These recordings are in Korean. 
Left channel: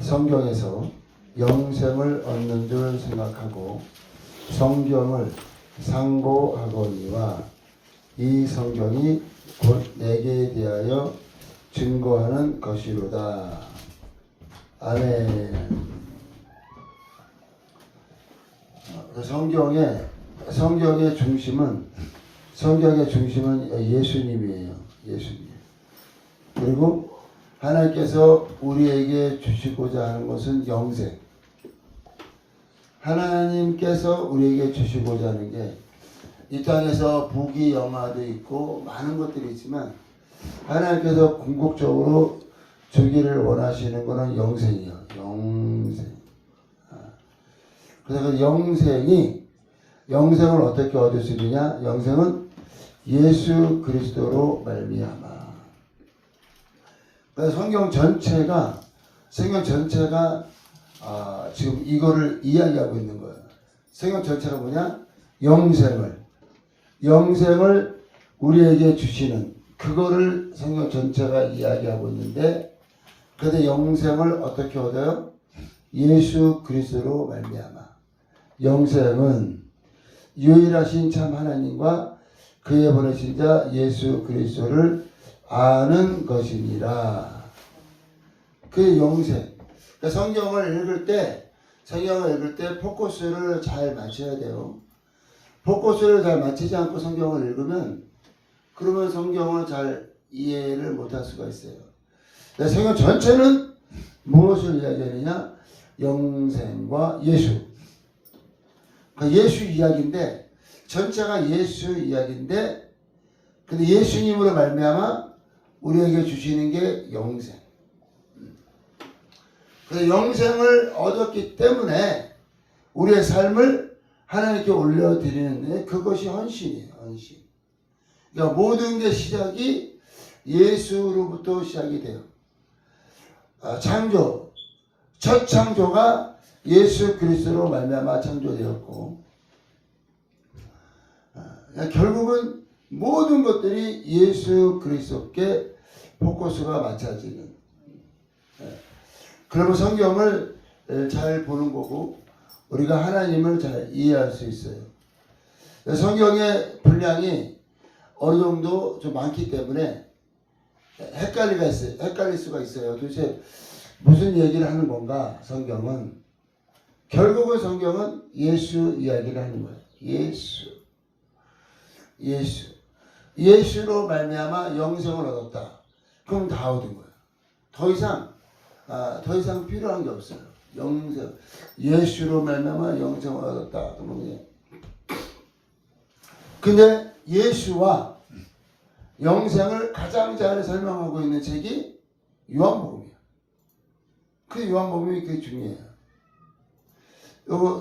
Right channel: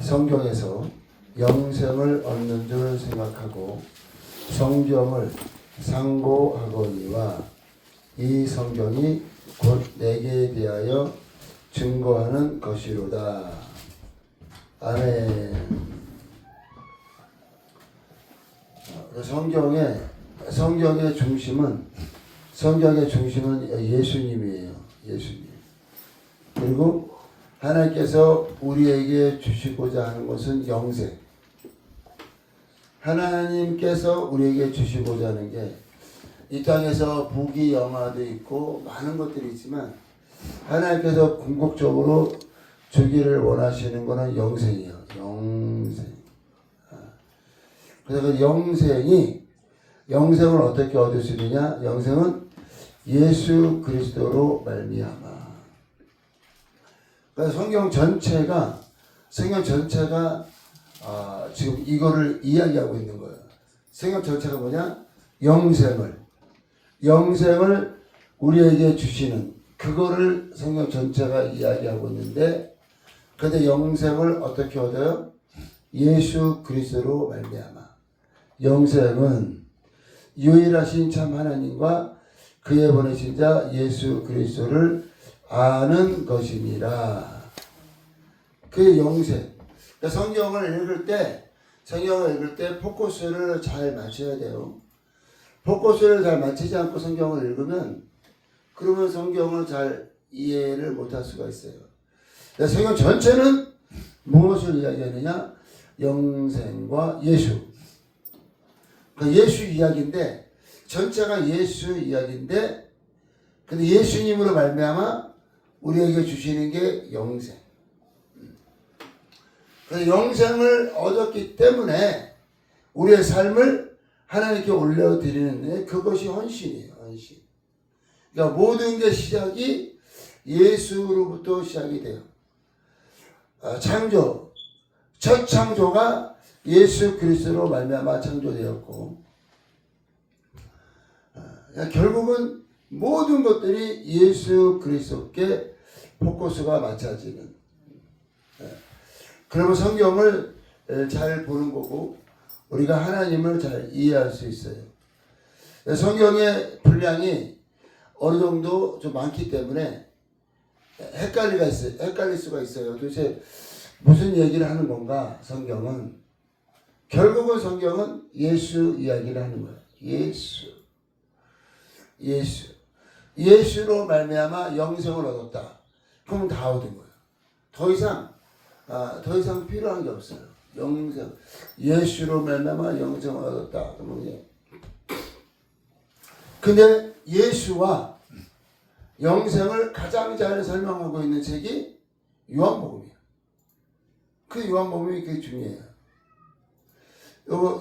성경에서 영생을 얻는 줄 생각하고 성경을 상고하거니와 이 성경이 곧 내게 대하여 증거하는 것이로다. 아멘. 성경의 중심은 예수님이에요. 예수님. 그리고 하나님께서 우리에게 주시고자 하는 것은 영생. 하나님께서 우리에게 주시고자 하는 게 이 땅에서 부귀영화도 있고 많은 것들이 있지만 하나님께서 궁극적으로 주기를 원하시는 것은 영생이에요. 영생. 그래서 그 영생을 어떻게 얻을 수 있느냐? 영생은 예수 그리스도로 말미암아. 그래서 성경 전체가 지금 이거를 이야기하고 있는 거예요. 성경 전체가 뭐냐? 영생을 우리에게 주시는 그거를 성경 전체가 이야기하고 있는데, 그런데 영생을 어떻게 얻어요? 예수 그리스도로 말미암아. 영생은 유일하신 참 하나님과 그의 보내신 자 예수 그리스도를 아는 것이니라. 그 영생. 그러니까 성경을 읽을 때 포커스를 잘 맞춰야 돼요. 포커스를 잘 맞추지 않고 성경을 읽으면 그러면 성경을 잘 이해를 못할 수가 있어요. 성경 전체는 무엇을 이야기하느냐? 영생과 예수. 그러니까 예수 이야기인데 전체가 예수 이야기인데, 근데 예수님으로 말미암아 우리에게 주시는 게 영생. 그래서 영생을 얻었기 때문에 우리의 삶을 하나님께 올려드리는 그것이 헌신이에요. 헌신. 그러니까 모든 게 시작이 예수로부터 시작이 돼요. 첫 창조가 예수 그리스도로 말미암아 창조되었고, 결국은 모든 것들이 예수 그리스도께 포커스가 맞춰지는. 그러면 성경을 잘 보는 거고 우리가 하나님을 잘 이해할 수 있어요. 성경의 분량이 어느 정도 좀 많기 때문에 헷갈릴 수가 있어요. 도대체 무슨 얘기를 하는 건가? 결국은 성경은 예수 이야기를 하는 거예요. 예수로 말미암아 영생을 얻었다. 그럼 다 얻은 거예요. 더 이상 필요한 게 없어요. 영생. 예수로 말미암아 영생을 얻었다. 근데 예수와 영생을 가장 잘 설명하고 있는 책이 요한복음이에요. 그 요한복음이 되게 중요해요.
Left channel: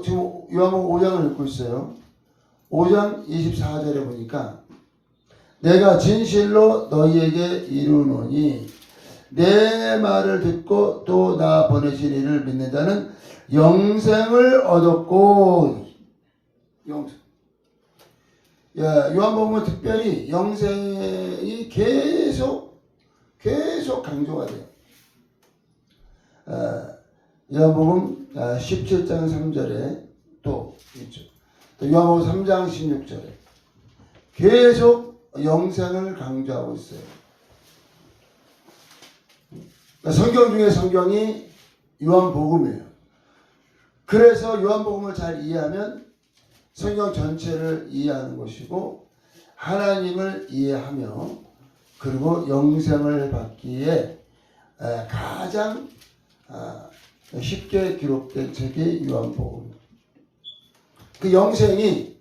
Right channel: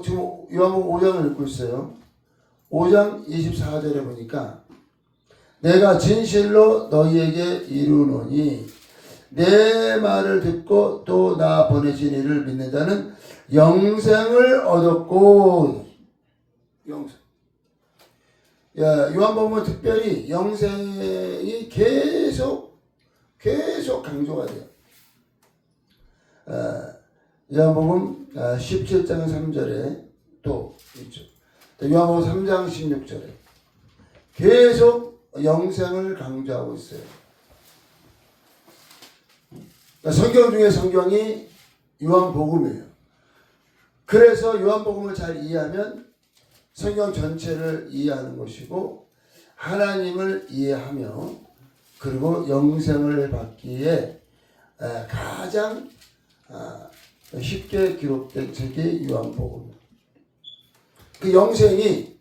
지금 요한복음 5장을 읽고 있어요. 5장 24절에 보니까 내가 진실로 너희에게 이르노니 내 말을 듣고 또 나 보내신 이를 믿는 자는 영생을 얻었고. 영생. 요한복음은 특별히 영생이 계속 강조가 돼요. 요한복음 17장 3절에 또 있죠. 요한복음 3장 16절에 계속 영생을 강조하고 있어요. 성경 중에 성경이 요한복음이에요. 그래서 요한복음을 잘 이해하면 성경 전체를 이해하는 것이고 하나님을 이해하며 그리고 영생을 받기에 가장 쉽게 기록된 책이 요한복음이에요. 그 영생이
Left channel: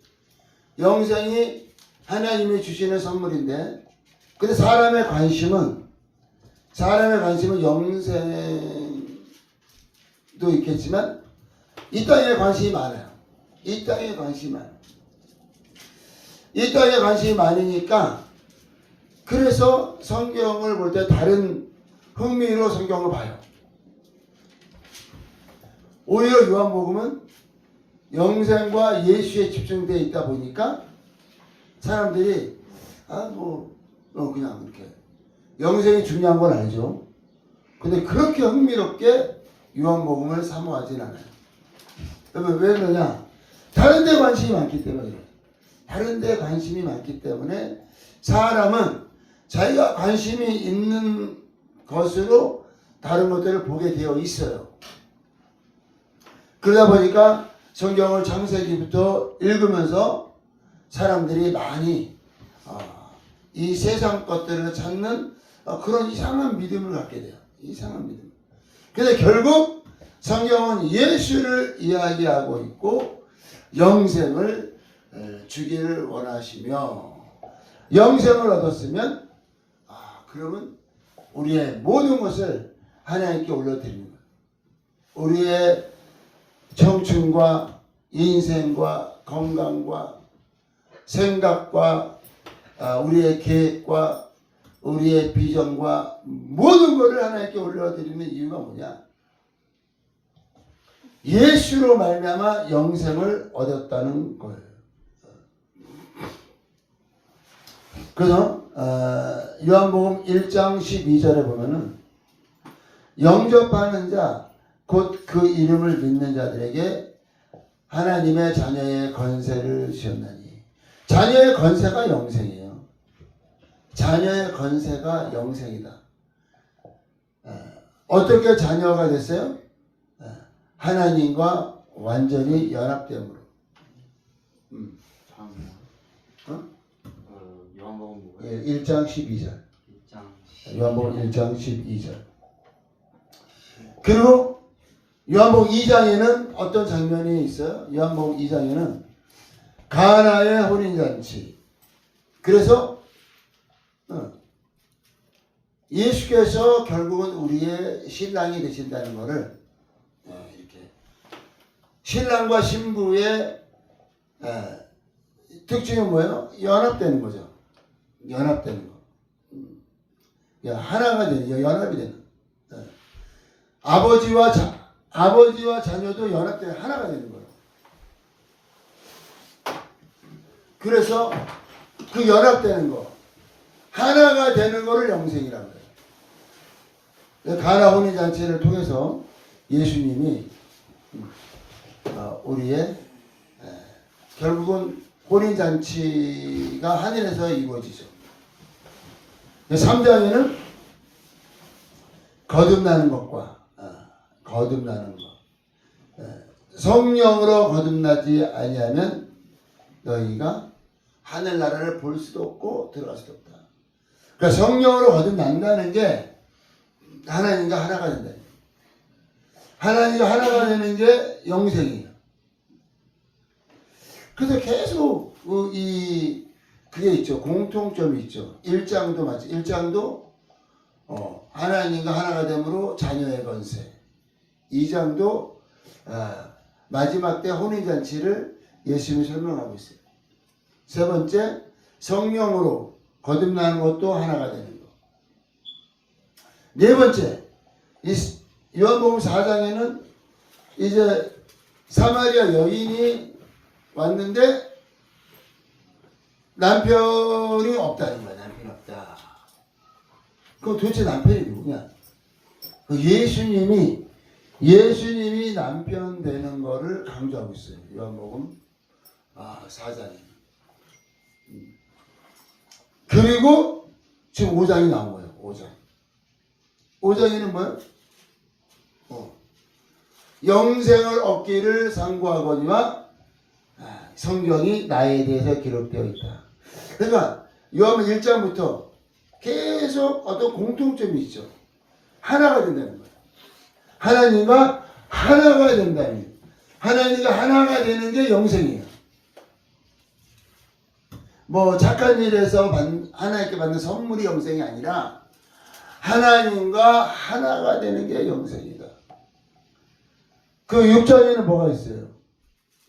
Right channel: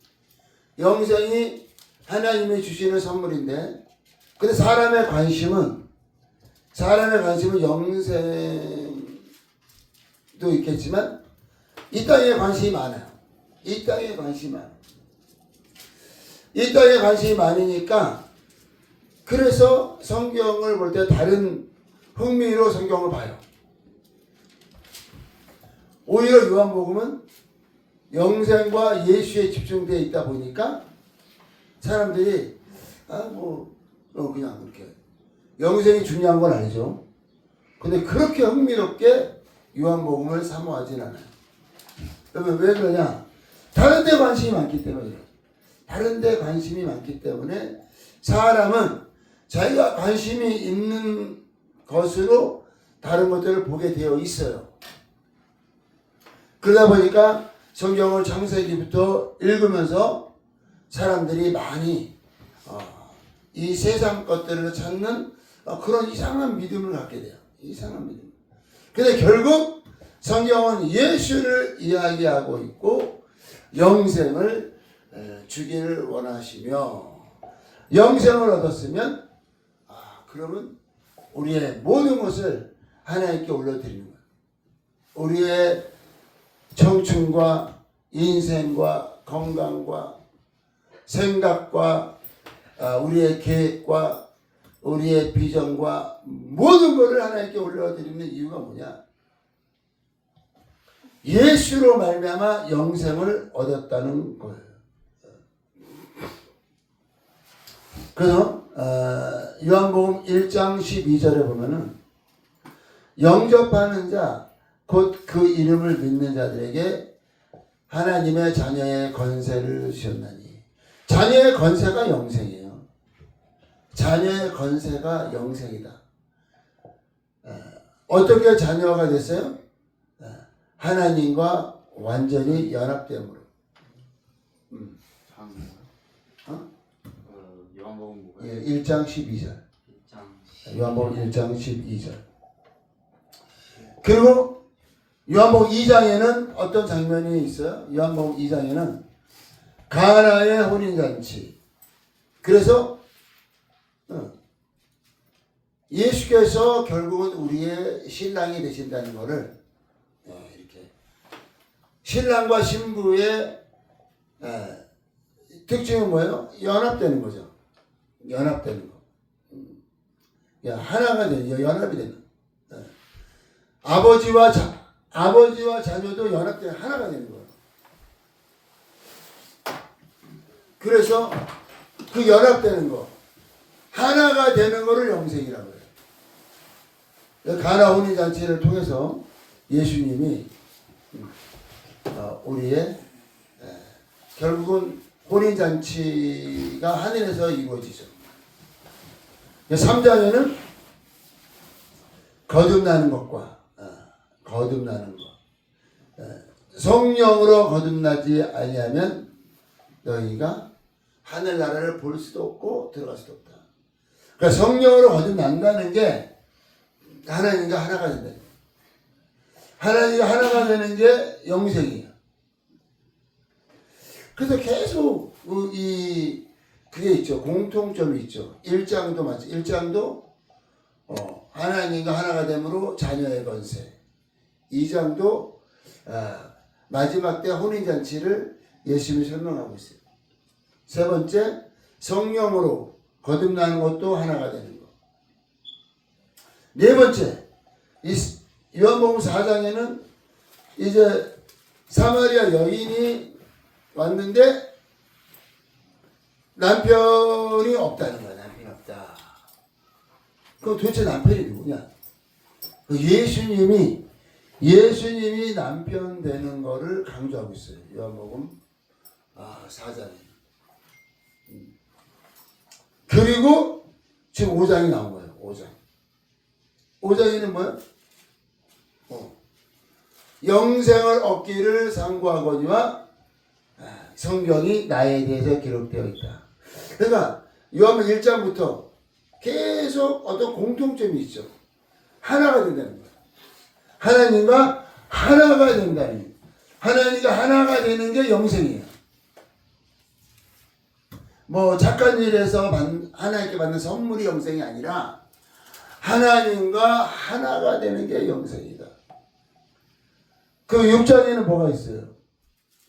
하나님이 주시는 선물인데, 근데 사람의 관심은 영생도 있겠지만 이 땅에 관심이 많아요. 이 땅에 관심이 많으니까 그래서 성경을 볼 때 다른 흥미로 성경을 봐요. 오히려 요한복음은 영생과 예수에 집중되어 있다 보니까 사람들이 그냥 그렇게 영생이 중요한 건 아니죠. 근데 그렇게 흥미롭게 요한복음을 사모하진 않아요. 여러분 왜 그러냐? 다른 데 관심이 많기 때문이에요. 다른 데 관심이 많기 때문에 사람은 자기가 관심이 있는 것으로 다른 것들을 보게 되어 있어요. 그러다 보니까 성경을 창세기부터 읽으면서 사람들이 많이 이 세상 것들을 찾는 그런 이상한 믿음을 갖게 돼요. 이상한 믿음. 근데 결국 성경은 예수를 이야기하고 있고 영생을 주기를 원하시며 영생을 얻었으면 그러면 우리의 모든 것을 하나님께 올려드리는 거예요. 우리의 청춘과 인생과 건강과 생각과 우리의 계획과 우리의 비전과 모든 것을 하나님께 올려드리는 이유가 뭐냐? 예수로 말미암아 영생을 얻었다는 거예요. 그래서 요한복음 1장 12절에 보면은 영접하는 자 곧 그 이름을 믿는 자들에게 하나님의 자녀의 건세를 주셨나니. 자녀의 건세가 영생이에요. 자녀의 건세가 영생이다. 어떻게 자녀가 됐어요? 하나님과 완전히 연합됨으로. 요한복음 뭐예요? 예, 1장 12절. 요한복음 1장 12절. 그리고 요한복음 2장에는 어떤 장면이 있어요? 요한복음 2장에는 가나의 혼인잔치. 그래서 예수께서 결국은 우리의 신랑이 되신다는 것을 이렇게 신랑과 신부의 특징이 뭐예요? 연합되는 거죠. 연합되는 거. 하나가 되는, 연합이 되는. 아버지와 자녀도 연합되는 하나가 되는 거예요. 그래서 그 연합되는 거, 하나가 되는 거를 영생이라고 해요. 가나 혼인잔치를 통해서 예수님이 우리의 결국은 혼인잔치가 하늘에서 이루어지죠. 3장에는 거듭나는 것과 거듭나는 것. 성령으로 거듭나지 아니하면 너희가 하늘나라를 볼 수도 없고 들어갈 수도 없다. 그러니까 성령으로 거듭난다는 게 하나님과 하나가 된다. 하나님과 하나가 되는 게 영생이에요. 그래서 계속 그게 있죠. 공통점이 있죠. 1장도 맞죠. 1장도 하나님과 하나가 됨으로 자녀의 건세. 2장도 마지막 때 혼인잔치를 예수님이 설명하고 있어요. 세 번째, 성령으로 거듭나는 것도 하나가 되는 것. 네 번째, 요한복음 4장에는 이제 사마리아 여인이 왔는데 남편이 없다는 거야. 남편이 없다. 그럼 도대체 남편이 누구냐? 예수님이 남편 되는 거를 강조하고 있어요. 요한복음 4장에. 그리고 지금 5장이 나온 거예요. 5장. 5장에는 뭐예요? 영생을 얻기를 상고하거니와 성경이 나에 대해서 기록되어 있다. 그러니까 요한복음 1장부터 계속 어떤 공통점이 있죠. 하나가 된다는 거예요. 하나님과 하나가 된다는, 하나님과 하나가 되는 게 영생이에요. 뭐 착한 일에서 하나님께 받는 선물이 영생이 아니라 하나님과 하나가 되는 게 영생이다. 그 6장에는 뭐가 있어요?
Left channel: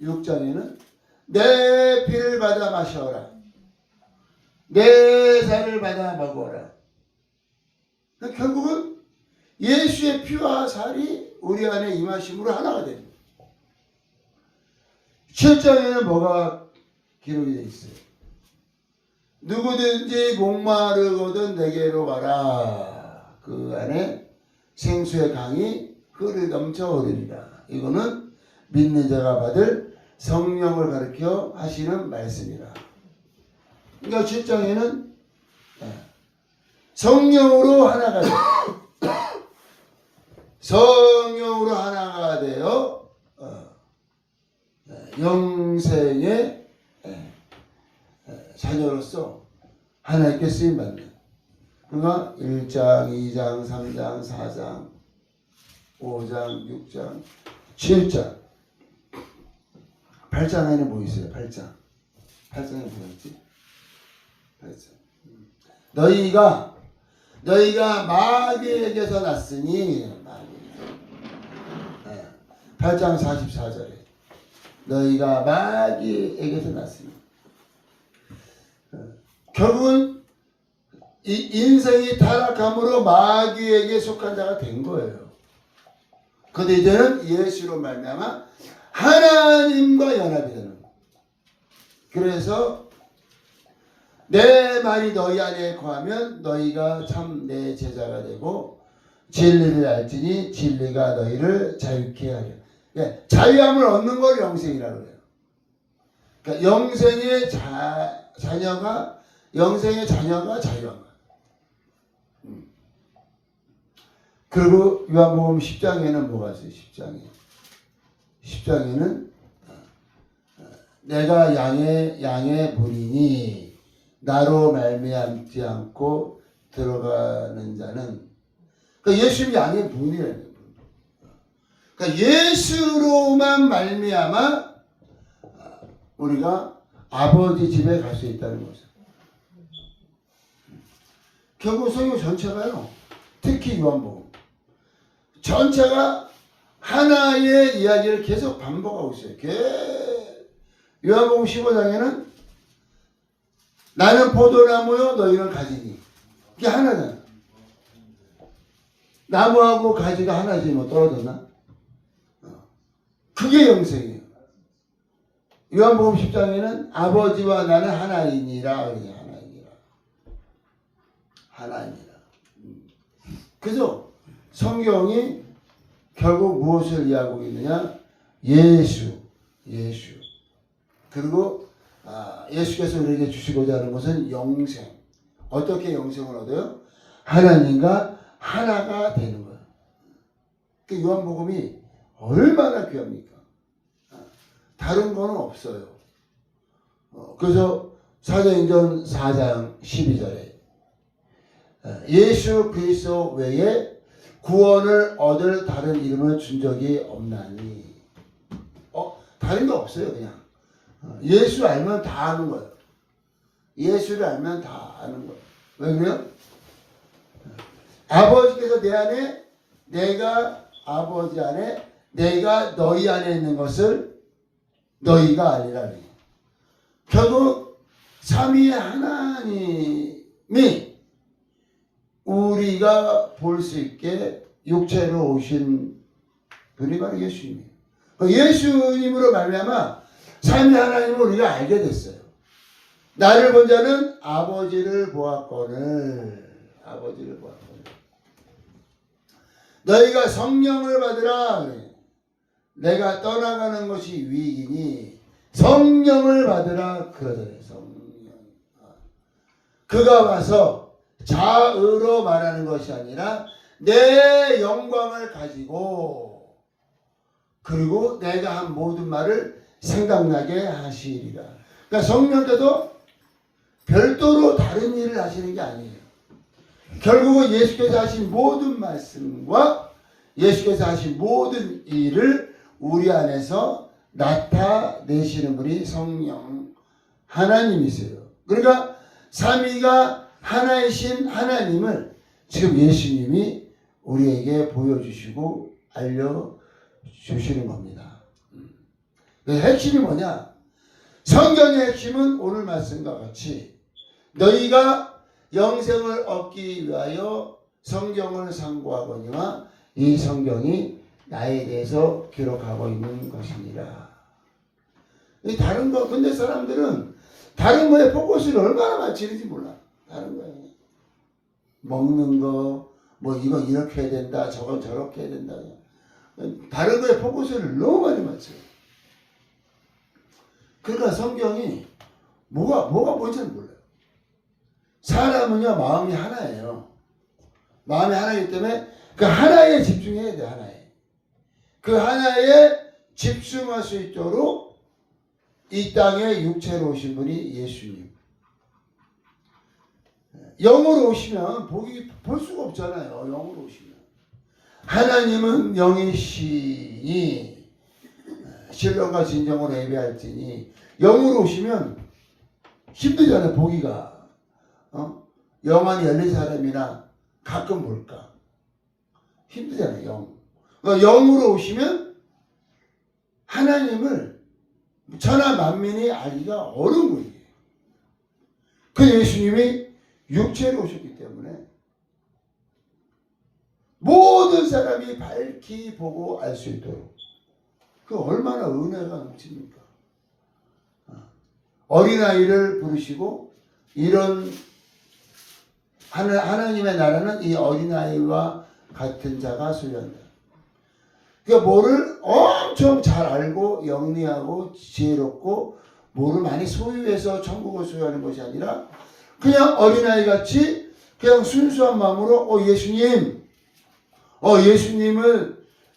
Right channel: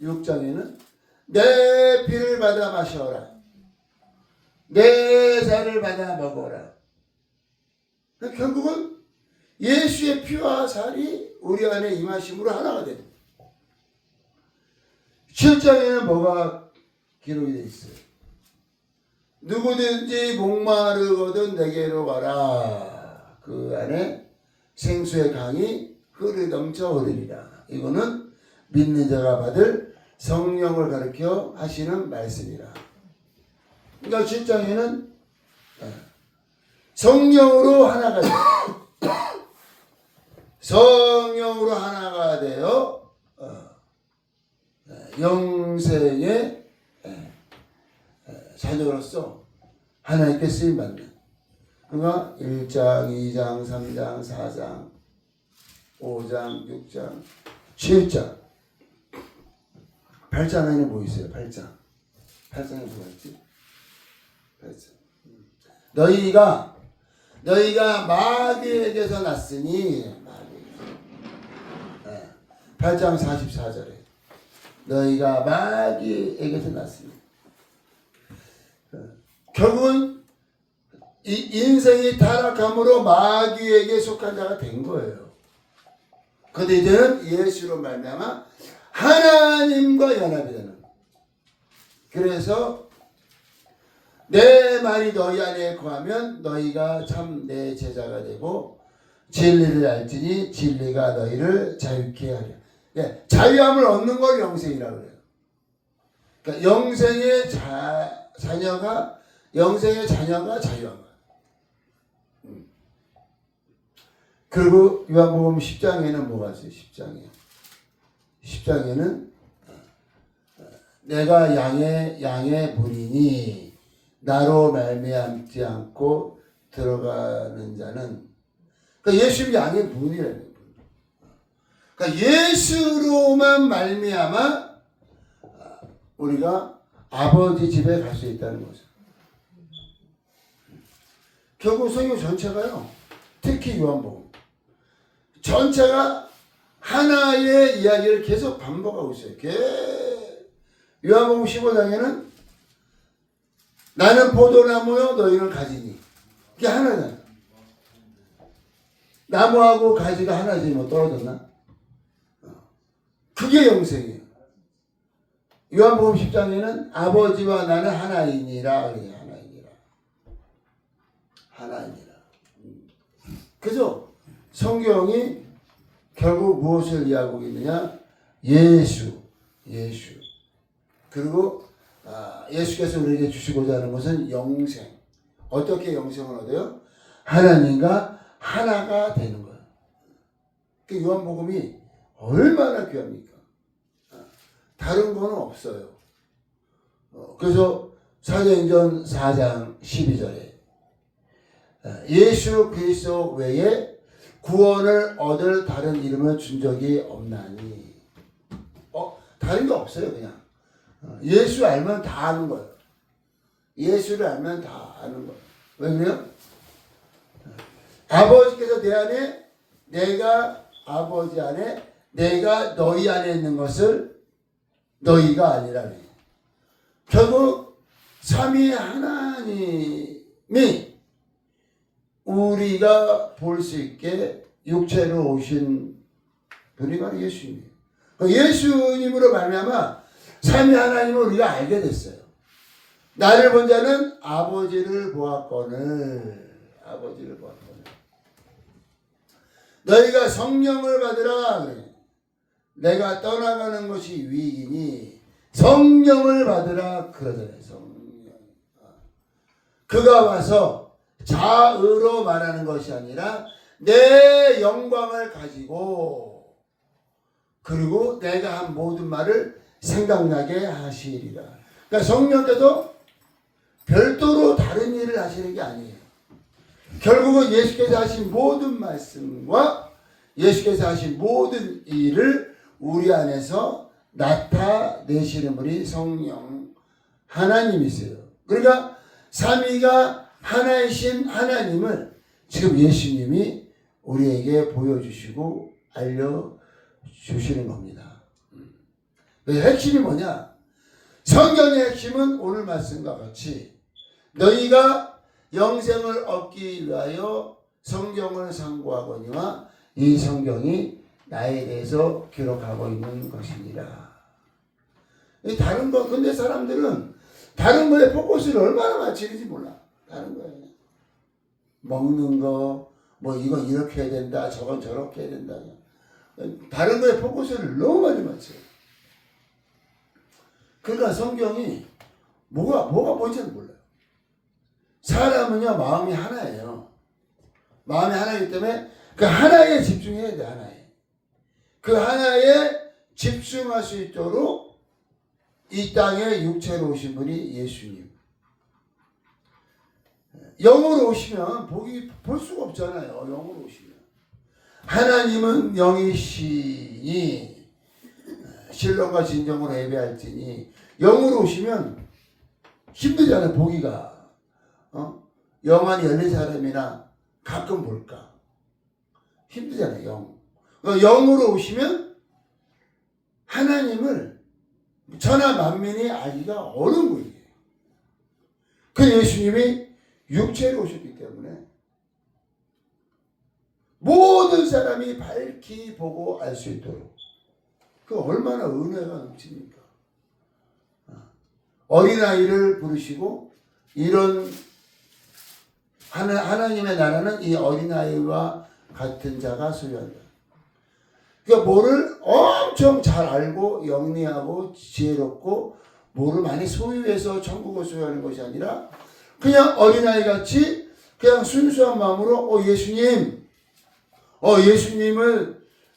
6장에는 내 피를 받아 마셔라. 내 살을 받아 먹어라. 결국은 예수의 피와 살이 우리 안에 임하심으로 하나가 됩니다. 7장에는 뭐가 기록이 되어 있어요? 누구든지 목마르거든 내게로 와라. 그 안에 생수의 강이 흐르 넘쳐 오르리라. 이거는 믿는 자가 받을 성령을 가리켜 하시는 말씀이라. 그러니까 7장에는 성령으로 하나가 되어 성령으로 하나가 되어 영생의 자녀로서 하나님께 쓰임받는. 그러니까 1장, 2장, 3장, 4장, 5장, 6장, 7장, 8장에는 뭐 있어요? 8장. 8장에 뭐가 있지? 8장. 너희가 마귀에게서 났으니, 8장 44절에 너희가 마귀에게서 났으니. 결국은 이 인생이 타락함으로 마귀에게 속한 자가 된 거예요. 그런데 이제는 예수로 말미암아 하나님과 연합이 되는. 그래서 내 말이 너희 안에 거하면 너희가 참 내 제자가 되고 진리를 알지니 진리가 너희를 자유케 하리라. 예, 자유함을 얻는 걸 영생이라고 그래요. 그러니까 영생의 자녀가 자유한 거예요. 그리고 요한복음 10장에는 뭐가 있어요? 10장에는 내가 양의 문이니 나로 말미암지 않고 들어가는 자는, 그러니까 예수님이 양의 문이라는 거예요. 그러니까 예수로만 말미암아 우리가 아버지 집에 갈 수 있다는 거죠. 결국 성경 전체가요, 특히 요한복음 전체가 하나의 이야기를 계속 반복하고 있어요. 요한복음 15장에는 나는 포도나무요 너희는 가지니, 그게 하나잖아. 나무하고 가지가 하나지 뭐 떨어졌나? 그게 영생이에요. 요한복음 10장에는 아버지와 나는 하나이니라. 하나이니라. 그래서 성경이 결국 무엇을 이야기하고 있느냐? 예수. 그리고 예수께서 우리에게 주시고자 하는 것은 영생. 어떻게 영생을 얻어요? 하나님과 하나가 되는 거예요. 그 요한복음이 얼마나 귀합니까? 다른 거는 없어요. 그래서 사도행전 4장 12절에 예수 그리스도 외에 구원을 얻을 다른 이름을 준 적이 없나니. 다른 거 없어요. 그냥 예수 알면 다 아는 거예요. 예수를 알면 다 아는 거예요. 왜 그래요? 아버지께서 내 안에, 내가 아버지 안에, 내가 너희 안에 있는 것을 너희가 아니라. 결국 삼위 하나님이 우리가 볼 수 있게 육체로 오신 분이 바로 예수님이에요. 예수님으로 말미암아 삼위 하나님을 우리가 알게 됐어요. 나를 본 자는 아버지를 보았거늘. 너희가 성령을 받으라. 내가 떠나가는 것이 위익이니 성령을 받으라 그러잖아요. 성령. 그가 와서 자의로 말하는 것이 아니라 내 영광을 가지고, 그리고 내가 한 모든 말을 생각나게 하시리라. 그러니까 성령께서 별도로 다른 일을 하시는 게 아니에요. 결국은 예수께서 하신 모든 말씀과 예수께서 하신 모든 일을 우리 안에서 나타내시는 분이 성령 하나님이세요. 그러니까 삼위가 하나이신 하나님을 지금 예수님이 우리에게 보여주시고 알려주시는 겁니다. 핵심이 뭐냐? 성경의 핵심은 오늘 말씀과 같이 너희가 영생을 얻기 위하여 성경을 상고하거니와 이 성경이 나에 대해서 기록하고 있는 것입니다. 다른 거, 근데 사람들은 다른 거에 포커스를 얼마나 맞추는지 몰라. 다른 거에. 먹는 거, 뭐 이건 이렇게 해야 된다, 저건 저렇게 해야 된다. 다른 거에 포커스를 너무 많이 맞춰요. 그러니까 성경이 뭐가 뭔지는 몰라요. 사람은요, 마음이 하나예요. 마음이 하나이기 때문에 그 하나에 집중해야 돼, 하나에. 그 하나에 집중할 수 있도록 이 땅에 육체로 오신 분이 예수님. 영으로 오시면 볼 수가 없잖아요. 영으로 오시면. 하나님은 영이시니 신령과 진정으로 예배할지니 영으로 오시면 힘들잖아요. 보기가. 영안이 열린 사람이나 가끔 볼까. 힘들잖아요. 그러니까 영으로 오시면 하나님을 천하 만민이 알기가 어려운 거예요. 그 예수님이 육체로 오셨기 때문에 모든 사람이 밝히 보고 알 수 있도록 그 얼마나 은혜가 넘칩니까? 어린아이를 부르시고 이런 하나님의 나라는 이 어린아이와 같은 자가 소유한다. 그러니까 뭐를 엄청 잘 알고 영리하고 지혜롭고 뭐를 많이 소유해서 천국을 소유하는 것이 아니라 그냥 어린아이 같이 그냥 순수한 마음으로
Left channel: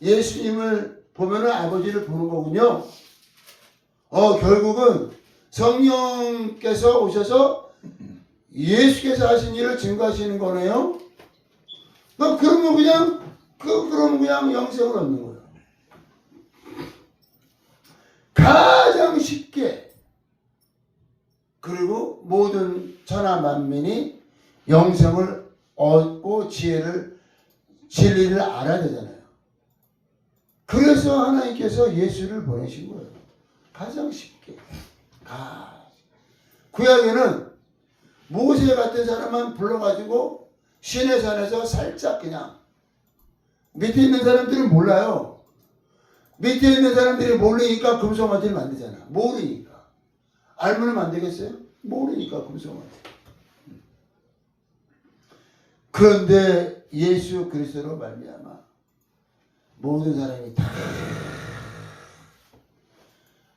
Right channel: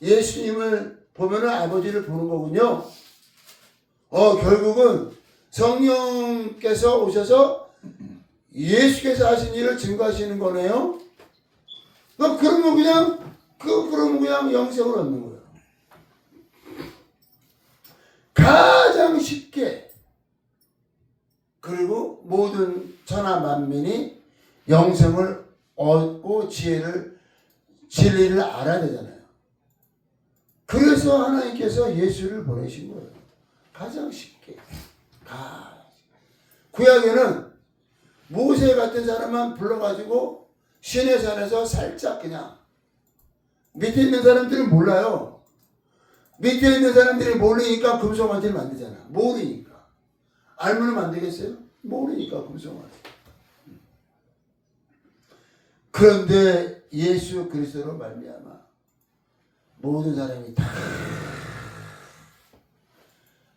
예수님을 보면은 아버지를 보는 거군요. 결국은 성령께서 오셔서 예수께서 하신 일을 증거하시는 거네요. 그러면 그냥 영생을 얻는 거예요. 가장 쉽게 그리고 모든 천하 만민이 영생을 얻고 진리를 알아야 되잖아요. 그래서 하나님께서 예수를 보내신 거예요. 가장 쉽게. 구약에는 모세 같은 사람만 불러가지고 시내산에서 살짝 그냥 밑에 있는 사람들은 몰라요. 밑에 있는 사람들이 모르니까 금송아지를 만들잖아. 모르니까. 알면 안 되겠어요? 모르니까 금송아지. 그런데 예수 그리스도로 말미암아 모든 사람이 다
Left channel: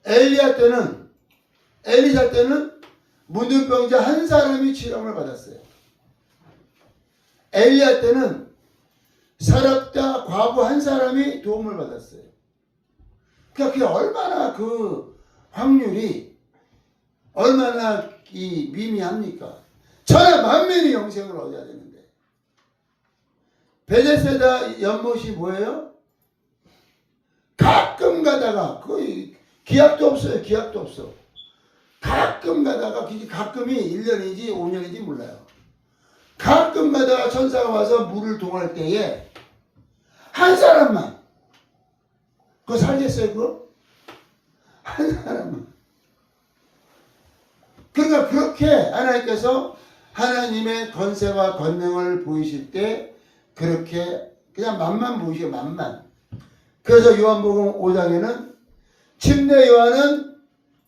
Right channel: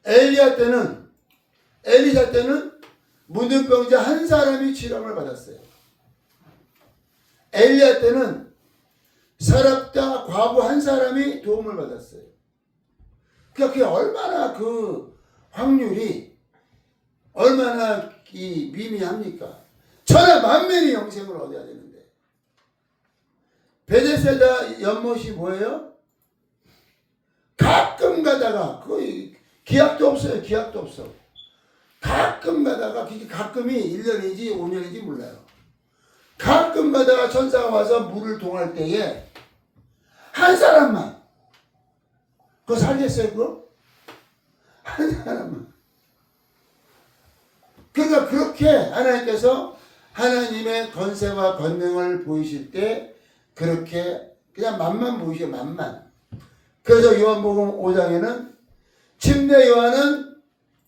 엘리사 때는 문둥병자 한 사람이 치료를 받았어요. 엘리야 때는 사랍다 과부 한 사람이 도움을 받았어요. 그러니까 그게 얼마나 그 확률이 얼마나 미미합니까? 천하 만민이 영생을 얻어야 되는데 베데스다 연못이 뭐예요? 가끔 가다가 거의 기약도 없어요. 기약도 없어. 가끔 가다가 가끔이 1년인지 5년인지 몰라요. 가끔 가다가 천사가 와서 물을 동할 때에 한 사람만 그거 살겠어요? 그거? 한 사람만. 그러니까 그렇게 하나님께서 하나님의 권세와 권능을 보이실 때 그렇게 그냥 만만 보이셔. 만만. 그래서 요한복음 5장에는 침례 요한은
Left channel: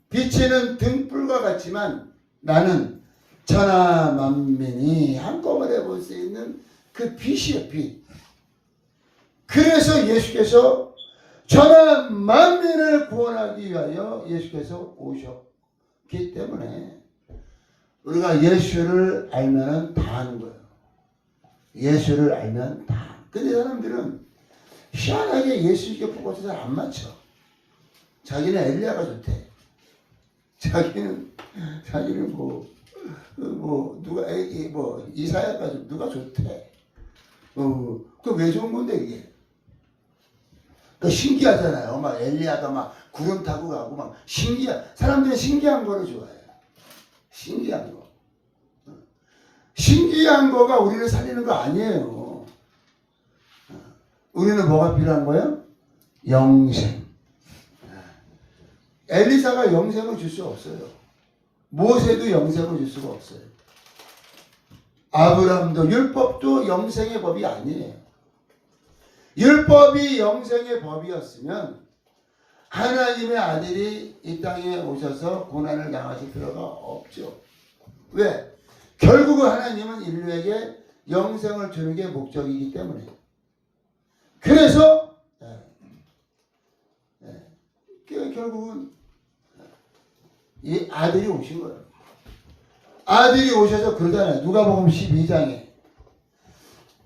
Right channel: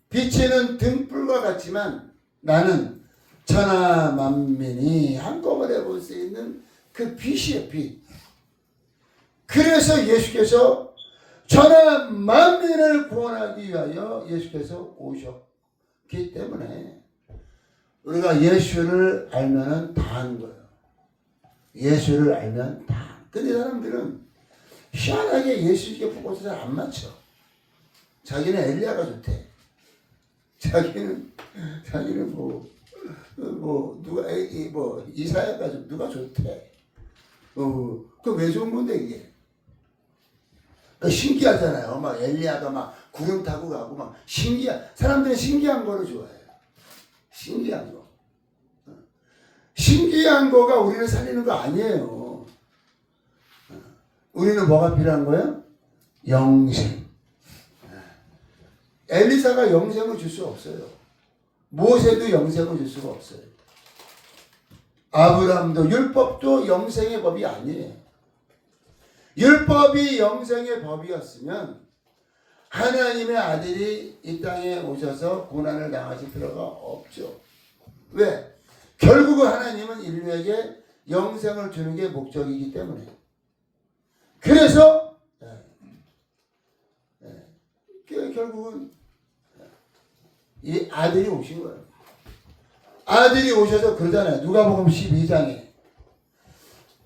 비치는 등불과 같지만 나는 천하 만민이 한꺼번에 볼 수 있는 그 빛이에요. 빛. 그래서 예수께서 천하 만민을 구원하기 위하여 예수께서 오셨기 때문에 우리가 예수를 알면은 다 하는 거예요. 예수를 알면 다. 근데 사람들은 희한하게 예수께 포커스 잘 안 맞춰. 자기는 엘리야가 좋대. 자기는 누가 이사야가 누가 좋대. 그 왜 좋은 건데 이게? 그 신기하잖아요. 막 엘리야가 막 구름 타고 가고 막 사람들은 신기한 거를 좋아해요. 신기한 거. 신기한 거가 우리를 살리는 거 아니에요. 우리는 뭐가 필요한 거예요? 영생. 엘리사가 영생을 줄 수 없어요. 모세도 영생을 줄 수가 없어요. 아브라함도 율법도 영생의 법이 아니에요. 율법이 영생의 법이었으면 하나님의 아들이 이 땅에 오셔서 고난을 당하실 필요가 없죠. 왜? 결국은 하나님은 인류에게 영생을 주는 게 목적이기 때문에. 그래서 결국은 이 아들이 오신 거예요. 아들이 오셔서 그러잖아요. 누가복음 12장에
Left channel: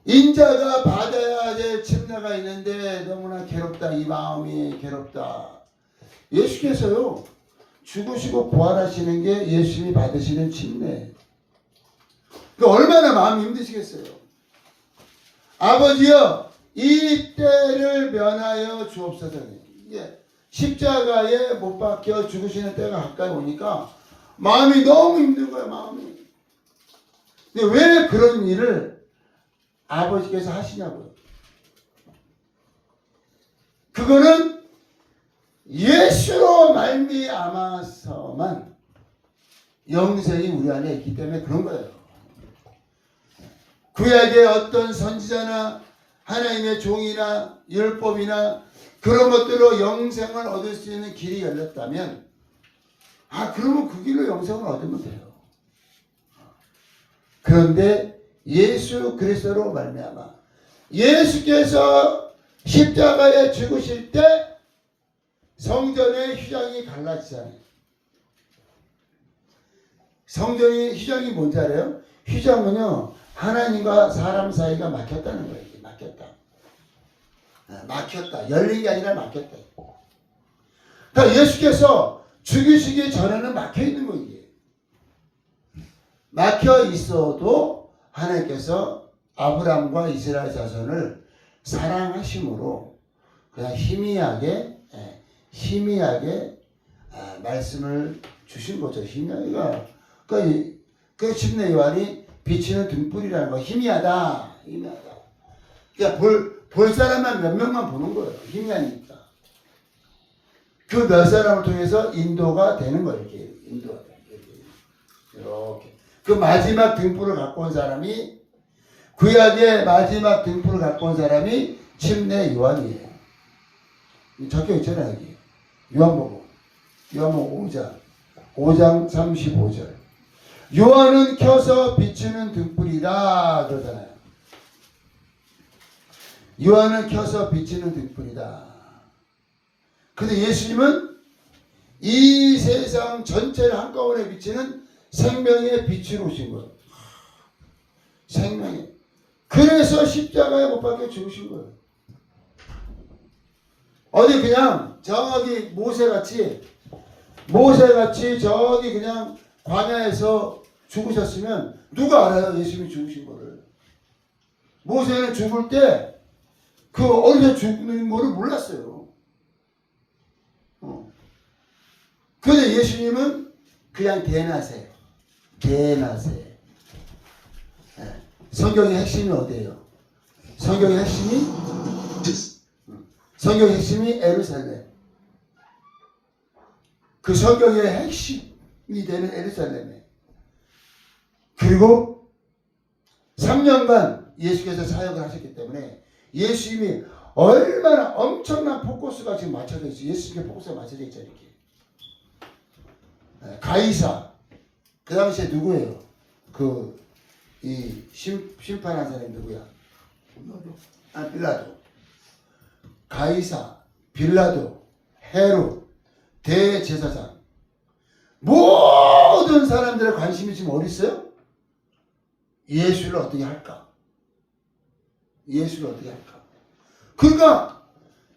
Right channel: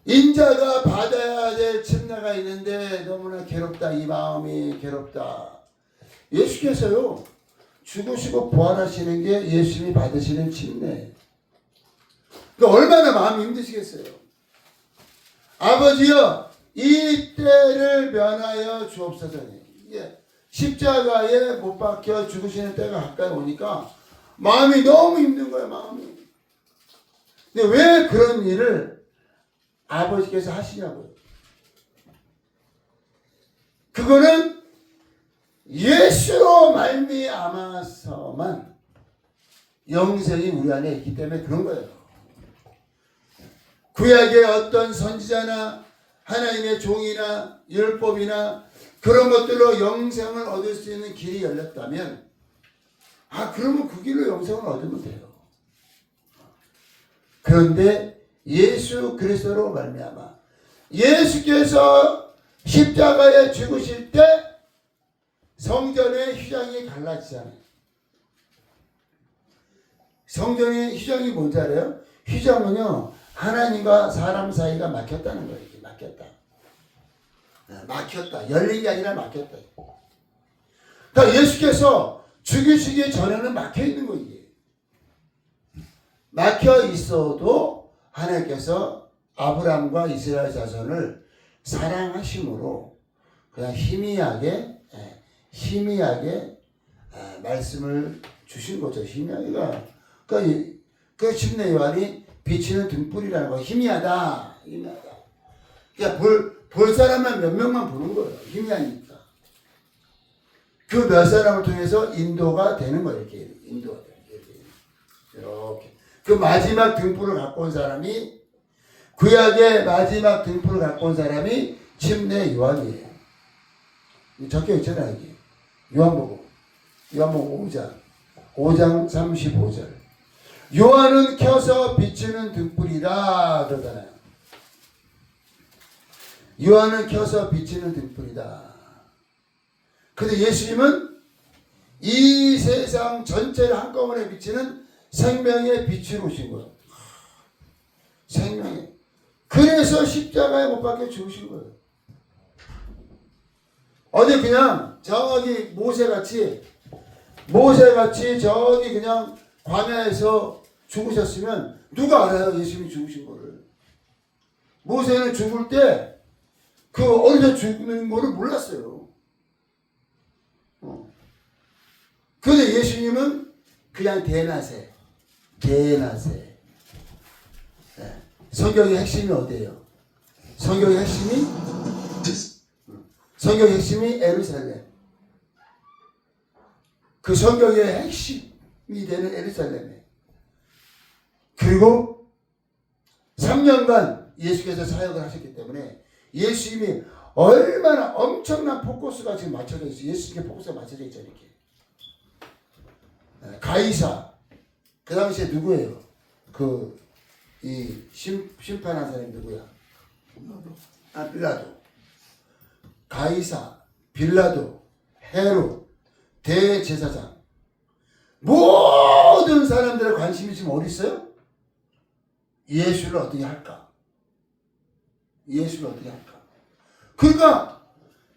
인자가 받아야 될 침례가 있는데 너무나 괴롭다. 이 마음이 괴롭다. 예수께서요. 죽으시고 부활하시는 게 예수님이 받으시는 침례예요. 그러니까 얼마나 마음이 힘드시겠어요. 아버지여 이 때를 면하여 주옵소서. 이게 십자가에 못 박혀 죽으시는 때가 가까이 오니까 마음이 너무 힘든 거예요. 마음이. 근데 왜 그런 일을 아버지께서 하시냐고요. 그거는 예수로 말미암아서만 영생이 우리 안에 있기 때문에 그런 거예요. 구약의 어떤 선지자나 하나님의 종이나 율법이나 그런 것들로 영생을 얻을 수 있는 길이 열렸다면 그러면 그 길로 영생을 얻으면 돼요. 그런데 예수 그리스도로 말미암아 예수께서 십자가에 죽으실 때 성전의 휘장이 갈라지잖아요. 성전의 휘장이 뭔지 알아요? 휘장은요 하나님과 사람 사이가 막혔다는 거예요. 막혔다. 막혔다. 열린 게 아니라 막혔다. 그러니까 예수께서 죽이시기 전에는 막혀 있는 거예요. 막혀 있어도 하나님께서 아브라함과 이스라엘 자손을 사랑하심으로 그냥 희미하게 말씀을 주신 거죠. 희미하게가 그 침례 요한이 비치는 등불이라는 거 희미하다. 그러니까 볼 사람만 몇 명만 보는 거예요. 희미하니까. 그 몇 사람을 통해서 인도가 되는 거예요. 인도가 돼요. 이렇게. 그 마지막 등불을 갖고 온 사람이 구약의 마지막 등불을 갖고 온 사람이 침례 요한이에요. 적혀 있잖아요. 여기. 요한복음 5장 35절. 요한은 켜서 비추는 등불이다 그러잖아요. 요한은 켜서 비추는 등불이다. 근데 예수님은 이 세상 전체를 한꺼번에 비치는 생명의 빛으로 오신 거예요. 생명의. 그래서 십자가에 못 박혀 죽으신 거예요. 어디 그냥 저기 모세같이 저기 그냥 광야에서 죽으셨으면 누가 알아요? 예수님이 죽으신 거를. 모세는 죽을 때 그 어디서 죽는 거를 몰랐어요. 그런데 예수님은 그냥 대낮에. 성경의 핵심이 어디예요? 성경의 핵심이 예루살렘. 그 성경의 핵심이 되는 예루살렘에. 그리고 3년간 예수께서 사역을 하셨기 때문에 예수님이 얼마나 엄청난 포커스가 지금 맞춰져 있어요. 예수님께 포커스가 맞춰져 있죠. 이렇게. 가이사. 그 당시에 누구예요? 이 심판한 사람이 누구야? 빌라도. 가이사, 빌라도, 헤롯, 대제사장. 모든 사람들의 관심이 지금 어디 있어요? 예수를 어떻게 할까? 그러니까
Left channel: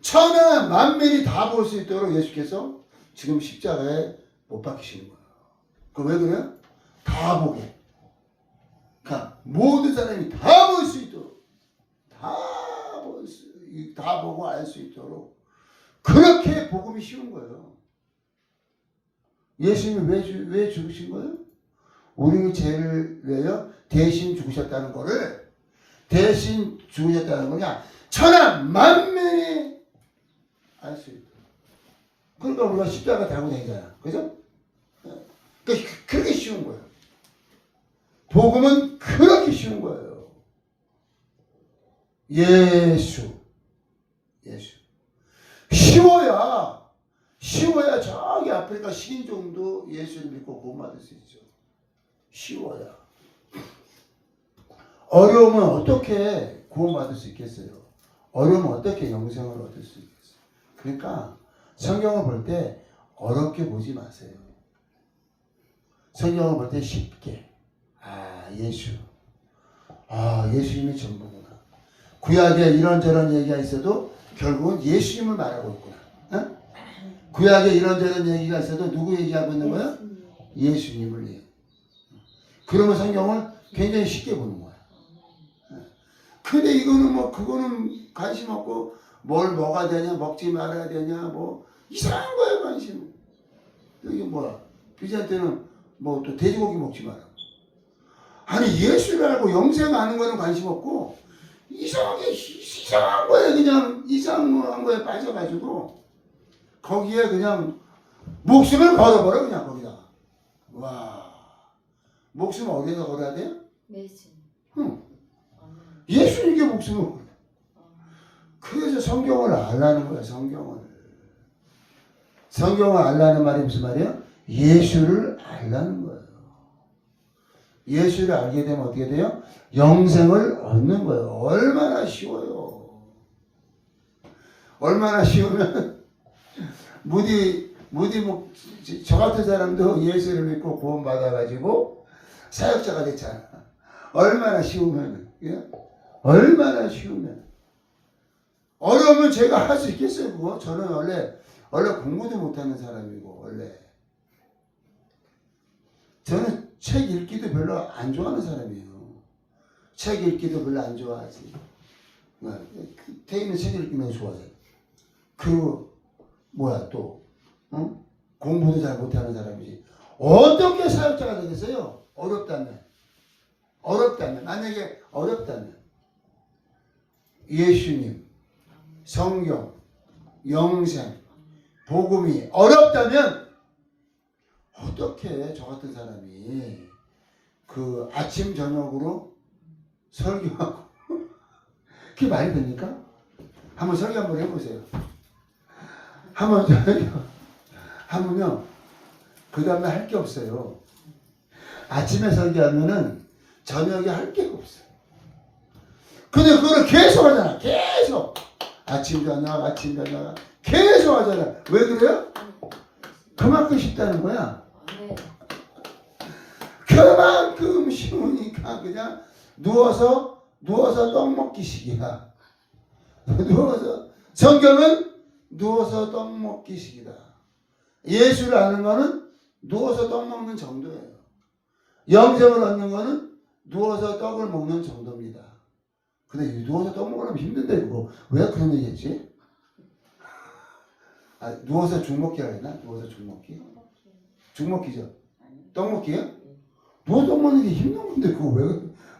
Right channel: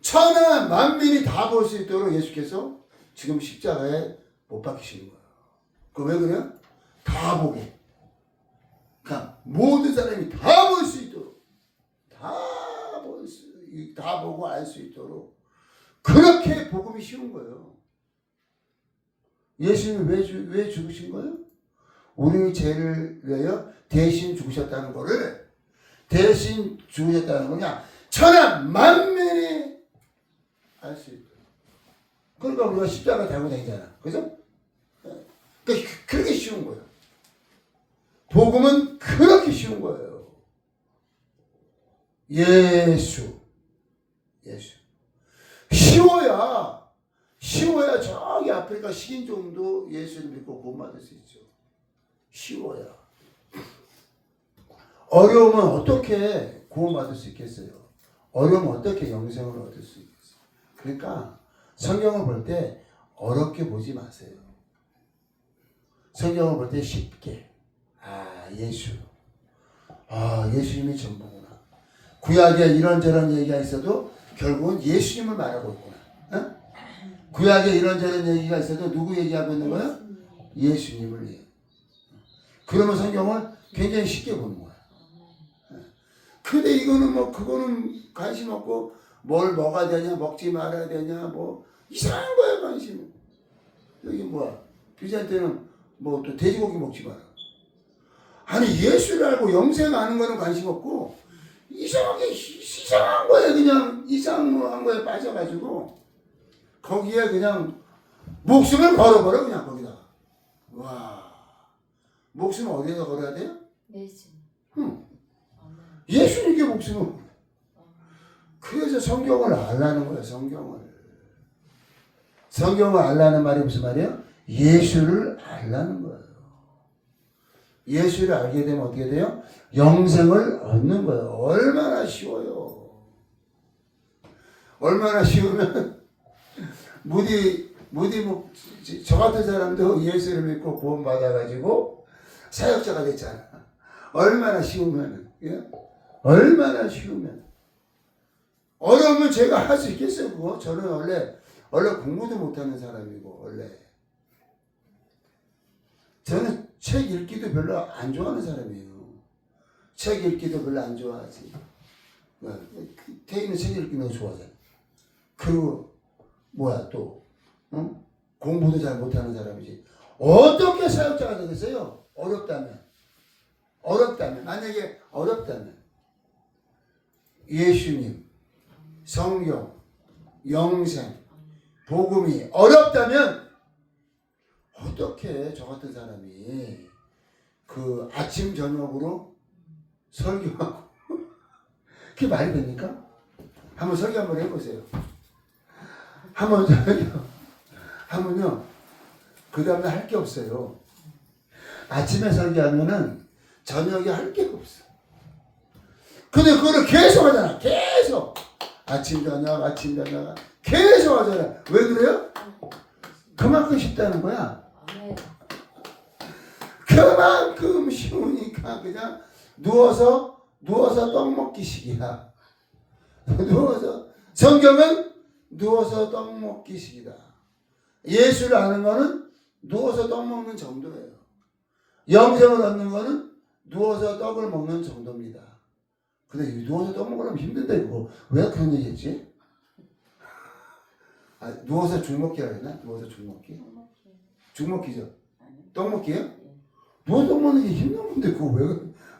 천하 만민이 다 볼 수 있도록 예수께서 지금 십자가에 못 박히시는 거예요. 왜 그래요? 다 보게. 그러니까 모든 사람이 다 볼 수 있도록, 다 보고 알 수 있도록 그렇게 복음이 쉬운 거예요. 예수님이 왜 죽으신 거예요? 우리 죄를 위하여 대신 죽으셨다는 거를 천하 만민이 알 수 있도록. 그러니까 우리가 십자가 달고 다니잖아. 그죠? 그렇게 쉬운 거예요. 복음은 그렇게 쉬운 거예요. 예수. 쉬워야 저기 아프리카 식인종도 예수를 믿고 구원받을 수 있죠. 쉬워야. 어려우면 어떻게 구원받을 수 있겠어요? 어려우면 어떻게 영생을 얻을 수 있겠어요? 그러니까 성경을 볼 때 어렵게 보지 마세요. 성경을 볼 때 쉽게. 예수. 예수님이 전부구나. 구약에 이런저런 얘기가 있어도 결국은 예수님을 말하고 있구나. 구약에 이런저런 얘기가 있어도 누구 얘기하고 있는 거야? 예수님을 얘기해. 그러면 성경을 굉장히 쉽게 보는 거야. 근데 이거는 그거는 관심 없고 뭘 먹어야 되냐, 먹지 말아야 되냐, 이상한 거야, 관심. 여기 비자한테는 또 돼지고기 먹지 마라. 아니, 예수를 알고 영생 아는 거는 관심 없고, 이상한 거에 그냥, 이상한 거에 빠져가지고, 거기에 그냥, 목숨을 걸어버려, 그냥 거기다가. 와. 목숨을 어디다 걸어야 돼요? 예수님께 목숨을 걸어. 그래서 성경을 알라는 거야, 성경을. 성경을 알라는 말이 무슨 말이에요? 예수를 알라는 거예요. 예수를 알게 되면 어떻게 돼요? 영생을 얻는 거예요. 얼마나 쉬워요. 얼마나 쉬우면 저 같은 사람도 예수를 믿고 구원 받아가지고 사역자가 됐잖아. 얼마나 쉬우면, 얼마나 쉬우면. 어려우면 제가 할 수 있겠어요, 그거? 저는 원래 공부도 못하는 사람이고, 저는 책 읽기도 별로 안 좋아하는 사람이에요. 책 읽기도 별로 안 좋아하지. 태희는 책 읽기 너무 좋아하잖아. 그리고 공부도 잘 못하는 사람이지. 어떻게 사역자가 되겠어요? 어렵다면. 만약에 어렵다면. 예수님, 성경, 영생, 복음이 어렵다면 어떻게 저 같은 사람이 아침 저녁으로 설교하고 그게 말이 됩니까? 한번 설교 한번 해보세요. 하면요 그 다음날 할 게 없어요. 아침에 설교하면은 저녁에 할 게 없어. 근데 그거를 계속 하잖아. 계속 아침 저녁 계속 하잖아. 왜 그래요? 그만큼 쉽다는 거야. 그만큼 쉬우니까 그냥 누워서 떡 먹기식이야. 성경은 누워서 떡 먹기식이다. 예수를 아는 거는 누워서 떡 먹는 정도예요. 영생을 얻는 거는 누워서 떡을 먹는 정도입니다. 근데 누워서 떡 먹으려면 힘든데 그거 왜 그런 얘기 했지? 누워서 죽 먹기라 했나? 누워서 죽 먹기? 죽 먹기죠? 떡 먹기요? 누워서 떡 먹는 게 힘든 건데 그거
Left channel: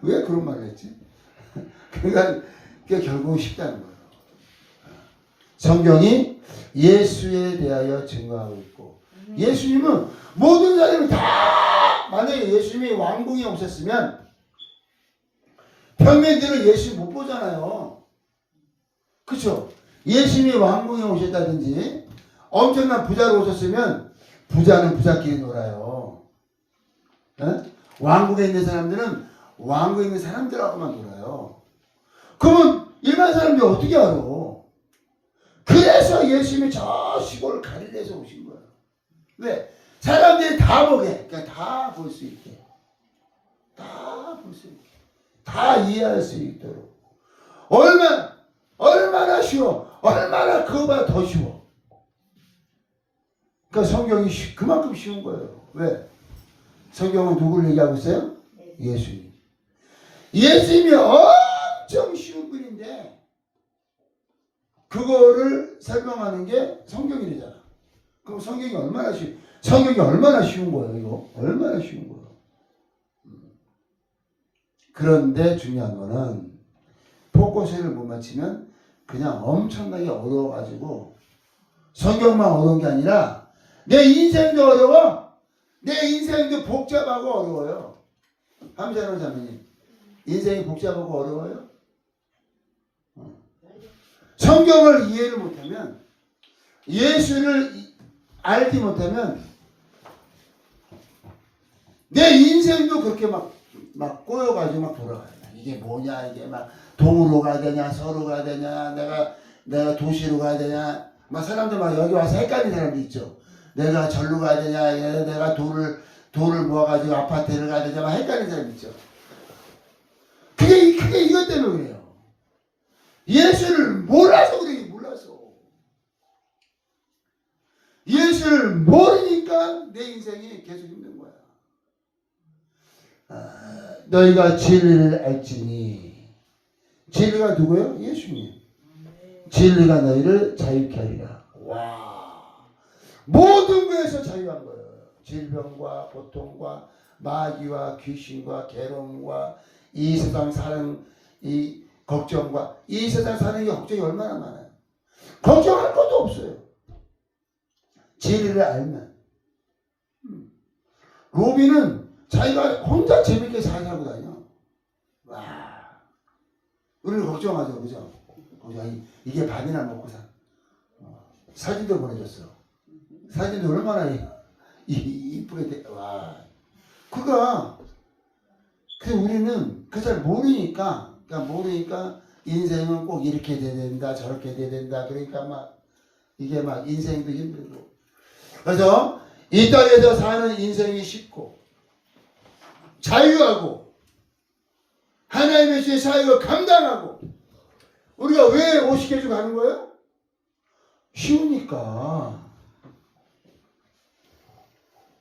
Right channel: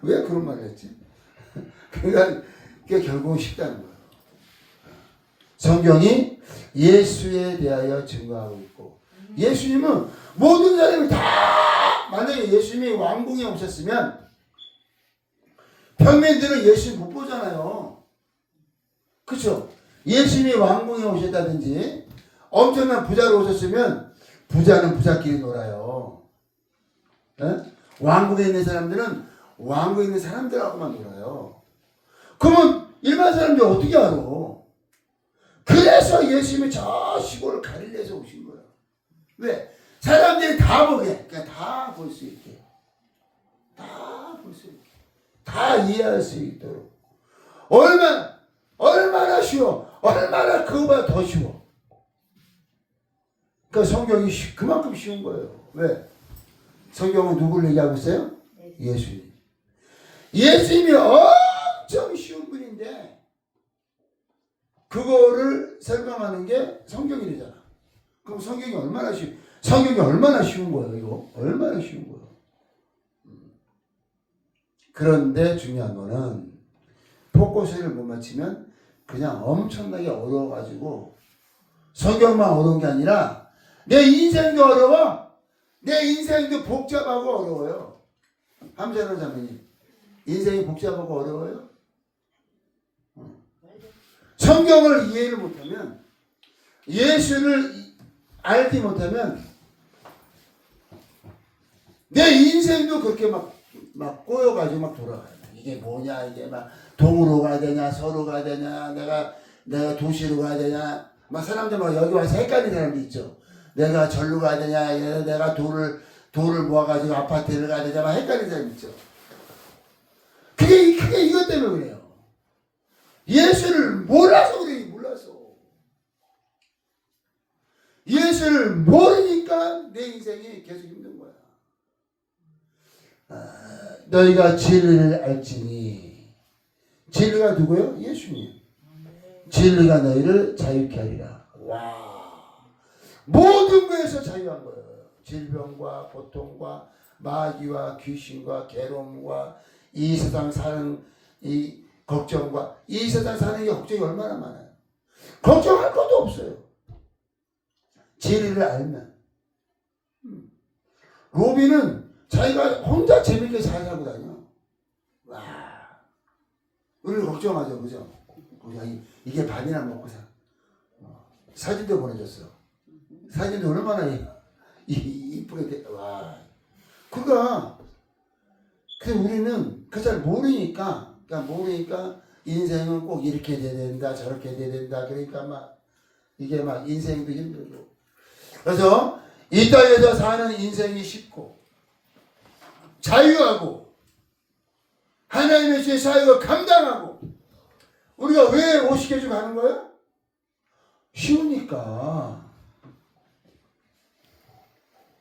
왜 그런 말을 했지? 그러니까 그게 결국은 쉽다는 거예요. 성경이 예수에 대하여 증거하고 있고, 예수님은 모든 사람이 다 만약에 예수님이 왕궁에 오셨으면 평민들은 예수 못 보잖아요. 그렇죠? 예수님이 왕궁에 오셨다든지 엄청난 부자로 오셨으면 부자는 부자끼리 놀아요. 왕궁에 있는 사람들은 왕궁에 있는 사람들하고만 놀아요. 그러면 일반 사람들이 어떻게 알아? 그래서 예수님이 저 시골 갈릴리에서 오신 거예요. 왜? 사람들이 다 보게, 그러니까 다 볼 수 있게, 다 볼 수 있게, 다 이해할 수 있도록. 얼마나 쉬워, 얼마나 그거보다 더 쉬워. 그러니까 성경이 그만큼 쉬운 거예요. 왜? 성경은 누구를 얘기하고 있어요? 예수님. 예수님이 엄청 쉬운 분인데 그거를 설명하는 게 성경이래잖아. 그럼 성경이 얼마나 쉬운 거예요, 이거? 얼마나 쉬운 거예요. 그런데 중요한 거는 포커스를 못 맞추면 그냥 엄청나게 어려워가지고 성경만 어려운 게 아니라 내 인생도 어려워. 내 인생도 복잡하고 어려워요. 함자론 자매님, 인생이 복잡하고 어려워요? 성경을 이해를 못하면, 예수를 알지 못하면 내 인생도 그렇게 막 꼬여가지고 막 돌아가요. 이게 뭐냐, 이게 막 동으로 가야 되냐, 서로 가야 되냐, 내가 도시로 가야 되냐, 막 사람들 막 여기 와서 헷갈리는 사람도 있죠. 내가 절로 가야 되냐, 내가 돈을 모아가지고 아파트를 가야 되냐, 막 헷갈리는 사람 있죠. 그게 이것 때문에 그래요. 예수를 몰라서 그래, 몰라서. 예수를 모르니까 내 인생이 계속 힘든 거야. 너희가 진리를 알지니. 진리가 누구요? 예수님. 진리가 너희를 자유케 하리라. 와, 모든 것에서 자유한 거예요. 질병과 고통과 마귀와 귀신과 괴로움과 이 세상 사는 이 걱정과 이 세상 사는 게 걱정이 얼마나 많아요. 걱정할 것도 없어요. 진리를 알면. 로비는 자기가 혼자 재밌게 잘 살고 다녀. 와, 우리는 걱정하죠, 그죠? 이게 밥이나 먹고 사. 사진도 보내줬어. 사진도 얼마나 이쁘게 돼. 와, 우리는 그 잘 모르니까, 인생은 꼭 이렇게 돼야 된다, 저렇게 돼야 된다. 그러니까 이게 인생도 힘들고. 그래서 이 땅에서 사는 인생이 쉽고 자유하고 하나님의 주의 사역을 감당하고 우리가 왜 50개주 가는 거야? 쉬우니까.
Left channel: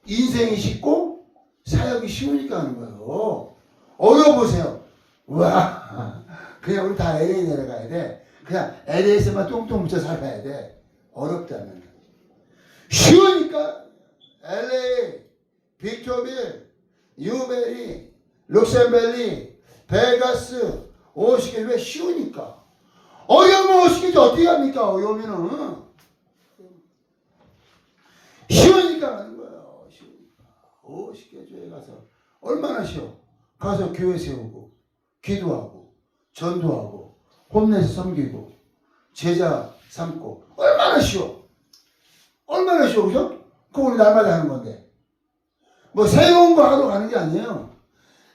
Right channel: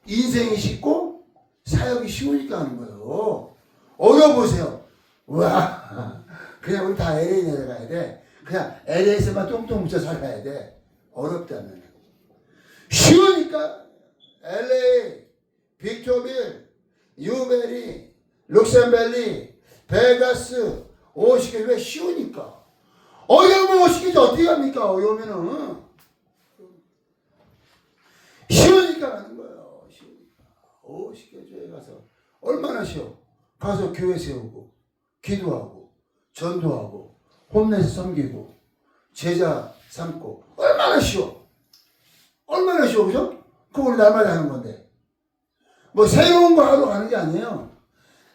인생이 쉽고 사역이 쉬우니까 하는 거예요. 어려워보세요. 와, 그냥 우리 다 LA 내려가야 돼. 그냥 LA에서만 똥똥 묻혀 살아야 돼. 어렵다면. 쉬우니까 LA, 빅토빌, 뉴베리, 룩셈벨리, 베가스, 50개 왜 쉬우니까. 어려우면 50개주 어떻게 합니까? 어려우면은 쉬우니까 하는 거예요. 쉬우니까. 50개주에 가서 얼마나 쉬워. 가서 교회 세우고 기도하고 전도하고 홈내서 섬기고 제자 삼고 얼마나 쉬워. 얼마나 쉬워, 그죠? 그거 우리 날마다 하는 건데. 뭐 새로운 거 하러 가는 게 아니에요.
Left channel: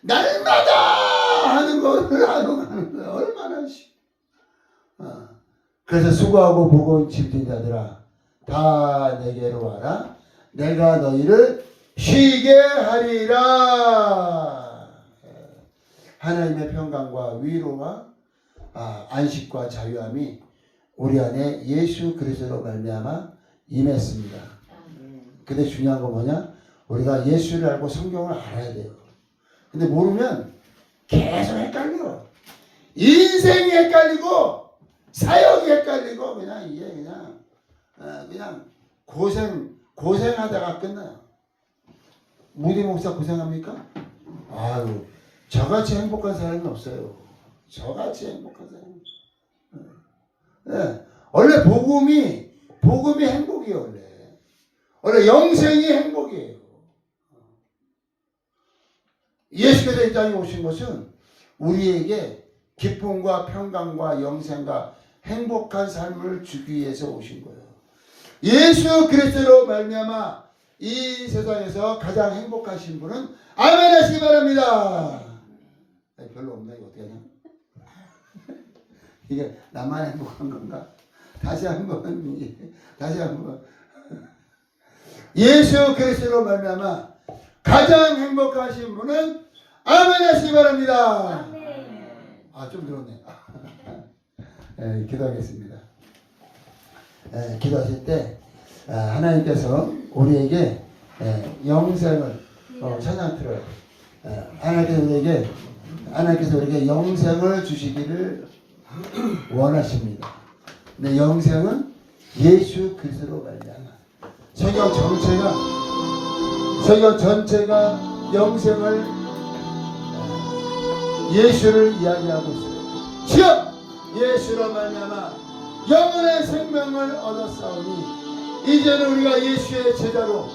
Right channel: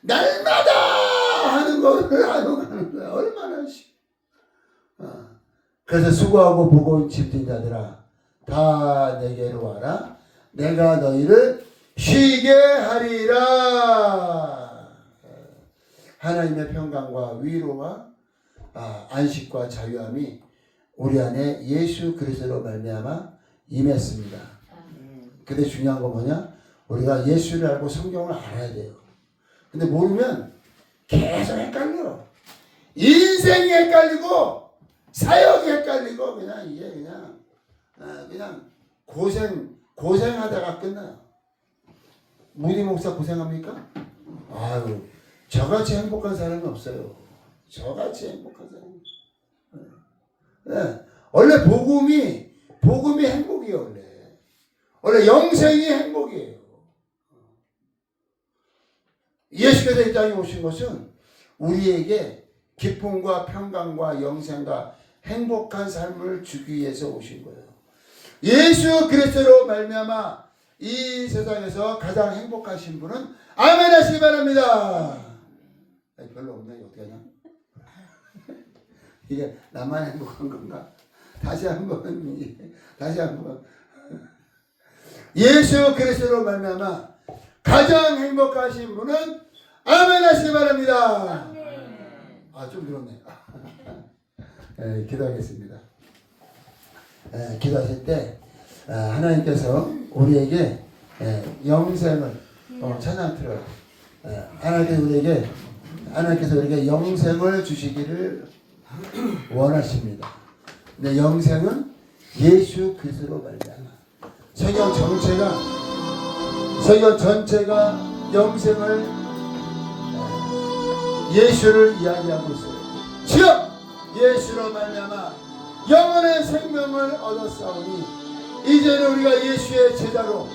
날마다 하는 거를 하러 가는 거야. 얼마나 쉬워. 그래서 수고하고 무거운 짐진 자들아 다 내게로 와라. 내가 너희를 쉬게 하리라. 하나님의 평강과 위로가 안식과 자유함이 우리 안에 예수 그리스도로 말미암아 임했습니다. 근데 중요한 건 뭐냐? 우리가 예수를 알고 성경을 알아야 돼요. 근데 모르면 계속 헷갈려. 인생이 헷갈리고 사역이 헷갈리고 그냥 고생하다가 끝나요. 무디 목사 고생합니까? 아유, 저같이 행복한 사람이 없어요. 저같이 행복한 사람이. 네. 원래 복음이 행복이에요. 원래 영생이 행복이에요. 예수께서 이 땅에 오신 것은 우리에게 기쁨과 평강과 영생과 행복한 삶을 주기 위해서 오신 거예요. 예수 그리스도로 말미암아 이 세상에서 가장 행복하신 분은 아멘 하시기 바랍니다. 별로 없네. 이거 어떡하냐? 이게 나만 행복한 건가? 다시 한번 예수 그리스도로 말미암아 가장 행복하신 분은 아멘 하시기 바랍니다. 좀 들었네. 기도하겠습니다. 기도하실 때 하나님께서 우리에게 영생을 찬양 틀어요. 하나님께서 우리에게 영생을 주시기를 원하십니다. 근데 영생은 예수 그리스도로 말미암아. 성경 전체가 영생을 예수를 이야기하고 있어요. 주여 예수로 말미암아 영원의 생명을 얻었사오니 이제는 우리가 예수의 제자로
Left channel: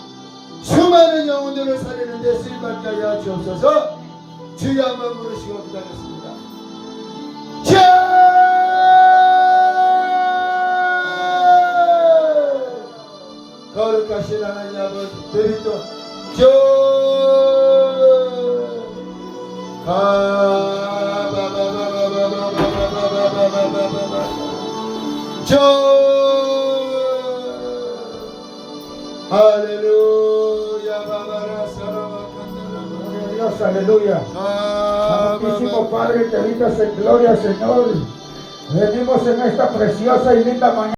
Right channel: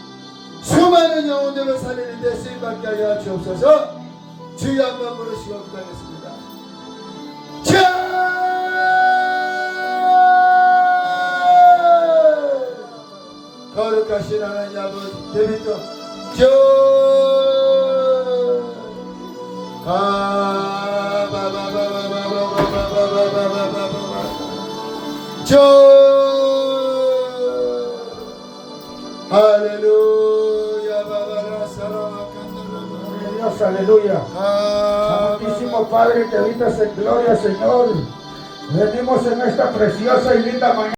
수많은 영혼들을 살리는데 쓰임받게 하여 주옵소서. 주여 한번 부르시고 기도하겠습니다. 거룩하신 하나님 아버지 데뷔도 Aleluya. Gloria a Dios, aleluya. Santísimo Padre, te dices en gloria, Señor. Venimos en esta preciosa y linda mañana.